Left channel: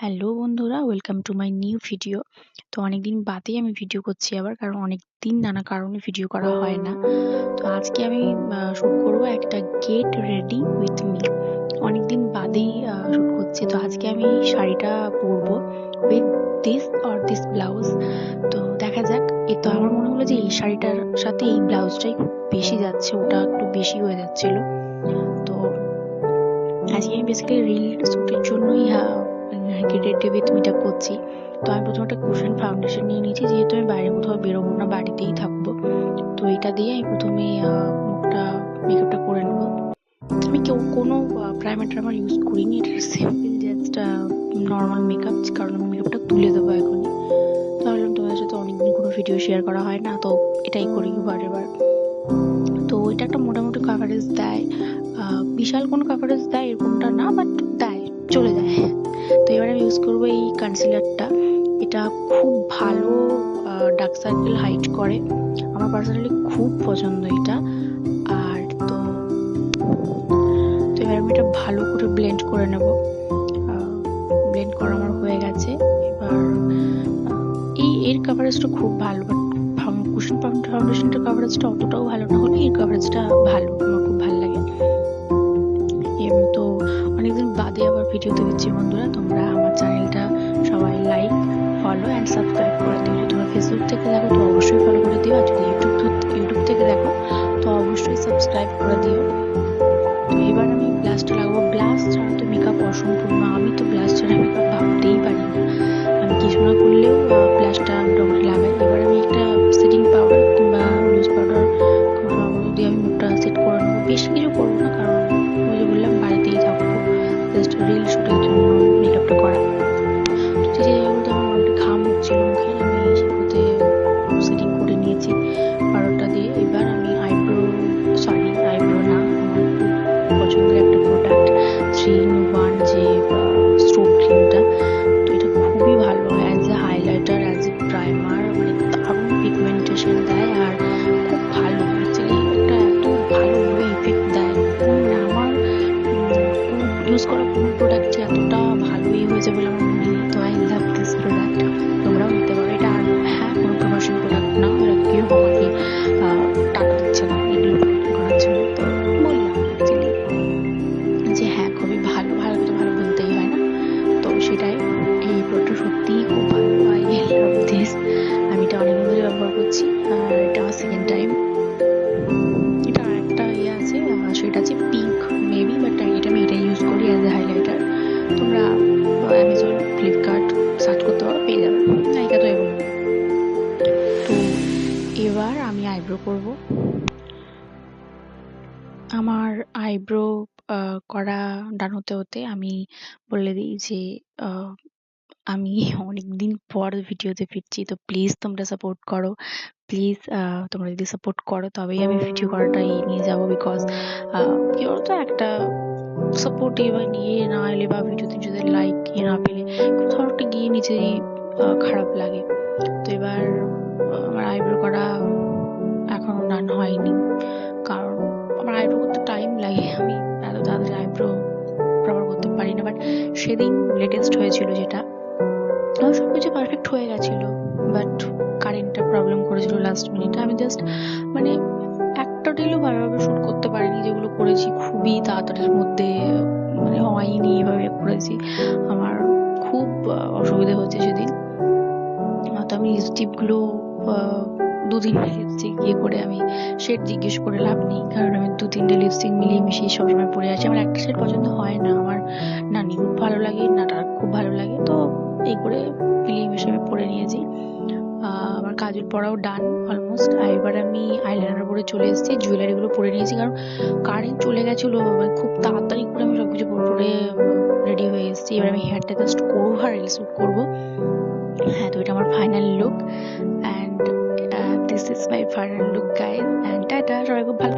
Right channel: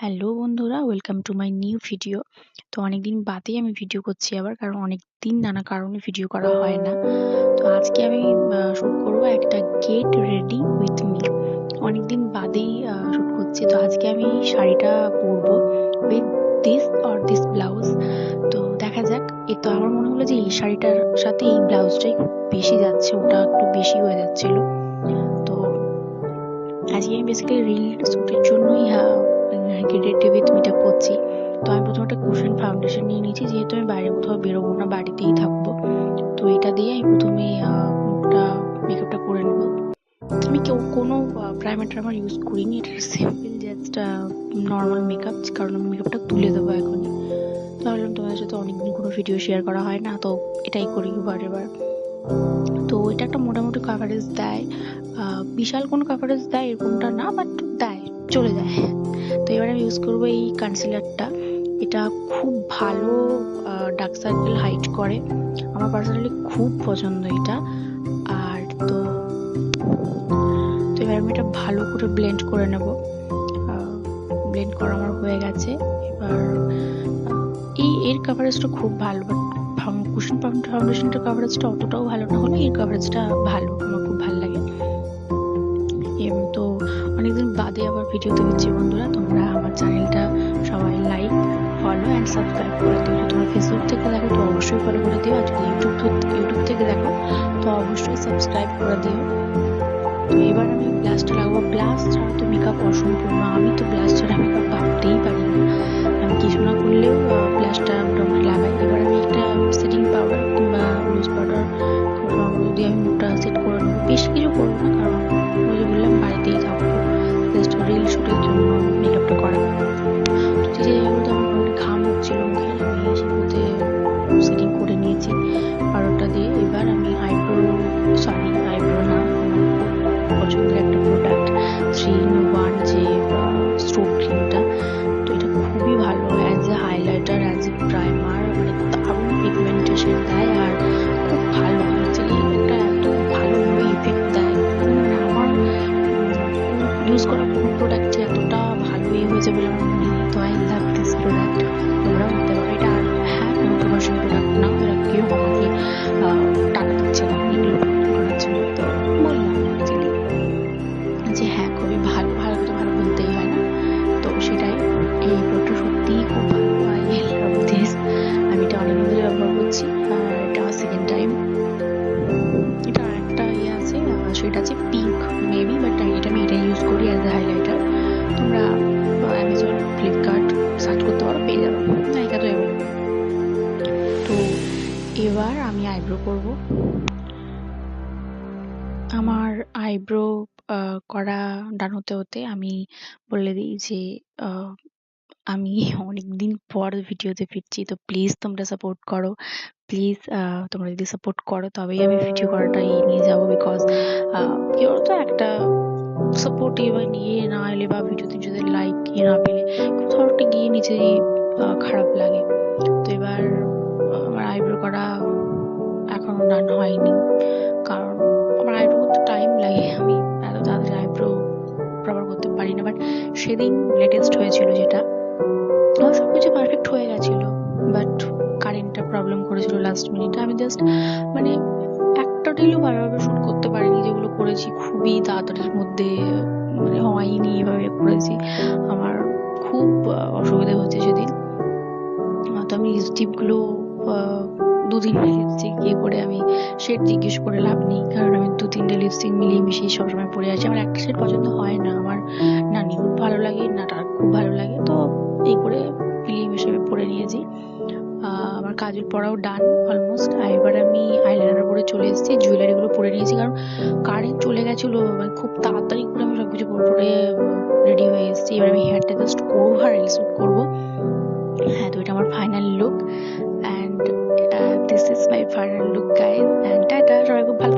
Hello বন্ধুরা, welcome to my new video. তো অনেকদিন বাদেই আমি ভিডিও করছি আবার, কারণ অনেকদিন নানা কারণে ভিডিও করা হয় না। তো আজকে আমি শুট করবো একটা গেট রেডি উইথ মি। অনেকদিন বাদেই শুট করছি। তো আজকে আমি শাড়িটা পরবো উইথ দিস ব্লাউজ। তো দেখা যাক। তো আমার মনে হলো যে এই শাড়িটার সাথে এই ব্লাউজটাই খুব বেশি যাচ্ছে, ওটা একটু বেশি হয়ে যাচ্ছিল। তো আজকে আমি বেসিক্যালি রিল শুটের জন্যই গেট রেডি উইথ মিটা করছি। তো আমি প্রথমে একটা কুশন ফাউন্ডেশন নিয়ে নিয়েছি, যেহেতু আমি বাইরে কোথাও বেরোবো না, বাড়িতেই থাকবো। তো এটা দিয়ে আমি প্রথমে মুখটা মেকআপটা করে নেবো। আমি কোনো প্রাইমার ট্রাইমার ইউজ করিনি, এটা সিম্পল জাস্ট নর্মাল মেকআপ, কারণ আমি মেকআপটা তুলে দেবো এখনই। তো ভাবলাম তোমাদের সাথে অনেকদিন কোনো ভিডিও শেয়ার করা হয় না, তো এটাই করি এবার। তো এটা একটা মোটামুটি কাভারেজ দেয়, বিশাল কোনো কাভারেজ দেয় এরকমটা না, বাট দেয়, চলে যায়। তো এবার আমি ইউজ করবো এই কনসিলারটা। এটা খুব ভালো ডার্ক সার্কেল হাইড করে, আমার পার্সোনালি খুব পছন্দ এটা। আর তো এবার আমি এটা ভালো করে ব্লেন্ড করে নেব। ব্লেন্ড করা আমার হয়ে গেছে। এবার এর কাভারেজটা খুব ভালো, বাট কুশন ফাউন্ডেশনটার কাভারেজটা অতটাও ভালো না হলে এর কাভারেজটা ভালো, আমার খুব ভালো লাগে। তো অনেকদিন বাদে আবার ভিডিও দেখেছি বন্ধুরা, তোমরা আমার চ্যানেলটা সবাই লাইক, ফলো অ্যান্ড সাবস্ক্রাইব করে দিও। যদি তোমরা ফেসবুক থেকে দেখো তো অবশ্যই ফলো করে দিও, আর যদি ইউটিউব থেকে দেখো তো অবশ্যই সাবস্ক্রাইব করে দিও। তো এবার আমি ব্লাশটা লাগাবো। ব্লাশ ছাড়া তো মেকআপ অসম্পূর্ণ, আমি তো ব্লাশ ছাড়া মেকআপ ভাবতেই পারি না। আমি কিছু না করলেও ব্লাশটা মোটামুটি লাগাই। এবার আমি একটা সেটিং পাউডার কিংবা লুজ পাউডার দিয়ে আমি মুখটা সেট করে নেবো। বেশি কিছু করবো না, কারণ ওই যে বললাম বাড়িতেই থাকবো, জাস্ট রিল শুটের জন্য মেকআপটা করা। তো যে জায়গাগুলোতে আমার মোটামুটি ঘাম হচ্ছিল মুখে, আমি সেগুলোতে সেটিং করে নিয়েছি পাউডারটা দিয়ে। এবার আমি আইব্রো না, আমার খুব পছন্দের একটা প্রোডাক্ট 3-in-1 যে স্ট্রোক ক্রিমটা। তো এটা খুবই ভালো as a highlighter, as a primer, মানে দারুণ পিগমেন্টেশন দেয় আর খুব ভালো। অ্যাকচুয়ালি একটা এত ভালোভাবে ইফেক্ট দেয়, মানে আমার ইউজ করা কোনো প্রোডাক্টই এতটা ভালোই হয়েছে বলে আমার মনে নেই। তো আই লাভ দিস প্রোডাক্ট, তোমরাও নিতে পারো এটা। আর হ্যাঁ, কোনো প্রমোশন প্রোডাক্ট না, ওরা কেউ আমাকে টাকা দিচ্ছে না এগুলো করার জন্য। তো বললাম অ্যাকচুয়ালি যে হ্যাঁ, খুবই ভালো তো ভালো বলতেই হয় না। তো সেটাই, এই প্রোডাক্টটা সত্যিই খুব ভালো। I love this. আমি এটা অনেকদিন ধরে ব্যবহার করছি, আর এটা আমার সেকেন্ড টাইম। এটা আরেকটা আছে, সেটা আছে পিঙ্ক মেবি, বাট এটা আমি এটাই ইউজ করি অ্যাজ এ হাইলাইটার। তোমরা অ্যামাজন, ফ্লিপকার্ট সার্চ করতে পারো, পেয়ে যাবে। নায়িকা তো এগুলো। তো এবার আমি আইব্রো করব। আমার আইব্রো করা ডান হতে হতে আমি বলে দিই যে আমি অনেকদিন পর ভিডিওতে ফিরছি। তো প্লিজ তোমরা সাপোর্ট করো, প্লিজ। তোমরা যদি সাপোর্ট করো তবেই আমি ভিডিও করাটা নিয়ে যাবো। বিকজ কি বলতো, একটা সাপোর্টিভ নিয়ে না এলে বা ভিডিওতে যদি লাইক না পেলে কোথাও একটা গিয়ে নিজেরই খারাপ লাগে। তো এবার আমার আইব্রো করা এখনো ডান হয়নি, কারণ আমার আইব্রো করতে টাইম লাগে। আমি এত তাড়াতাড়ি আইব্রো প্রপার করতে পারি না। বাট সেদিন লেটেস্ট হয়েছিল যেটা, আমার সবকিছু পারফেক্ট হয়ে গেছিল, বাট কারেন্টটা প্রবলেম করেছিল লাস্ট মিনিটে। আমি জাস্ট মানে একটা রিলও ভালোভাবে শুট করতে পারিনি, যেগুলো করেছি খুবই তাড়াতাড়ির মধ্যে, মানে হয়নি এভাবে করেছি। আমার খুব অসুবিধা হচ্ছে সেদিন। তো আমি লিপস্টিকগুলো 2-3টে লিপস্টিক ইয়ে করে, আমি শেড জিজ্ঞেস করে লাভ নেই, কারণ আমি 2-3টে লিপস্টিক মিলিয়ে মিশিয়ে সবসময় পরে আসি। আমার একটা শেড পছন্দ হয় না, আমার না নিউড ভালো লাগে না ডার্ক খুব ভালো লাগে। তো এই করে মিলিয়ে মিশিয়ে আমি পরে নিয়েছি। আমার কাজল পরাও ডান অলমোস্ট। এবার আমি আইলাইনার পরে চলে এসেছি, জুয়েলারিগুলো পরে নিয়েছি, কারণ কারেন্ট চলে গেছিলো। খুব তাড়াতাড়ি করে আমি সবকিছু পরে রেডি হয়ে এসেছি। এবার আমি হেয়ারটা জাস্ট করবো আর রিল শুট করবো। হ্যাঁ, তো এটা আমার final look, and this is my final look guys, and tata. সবাই খুব ভালো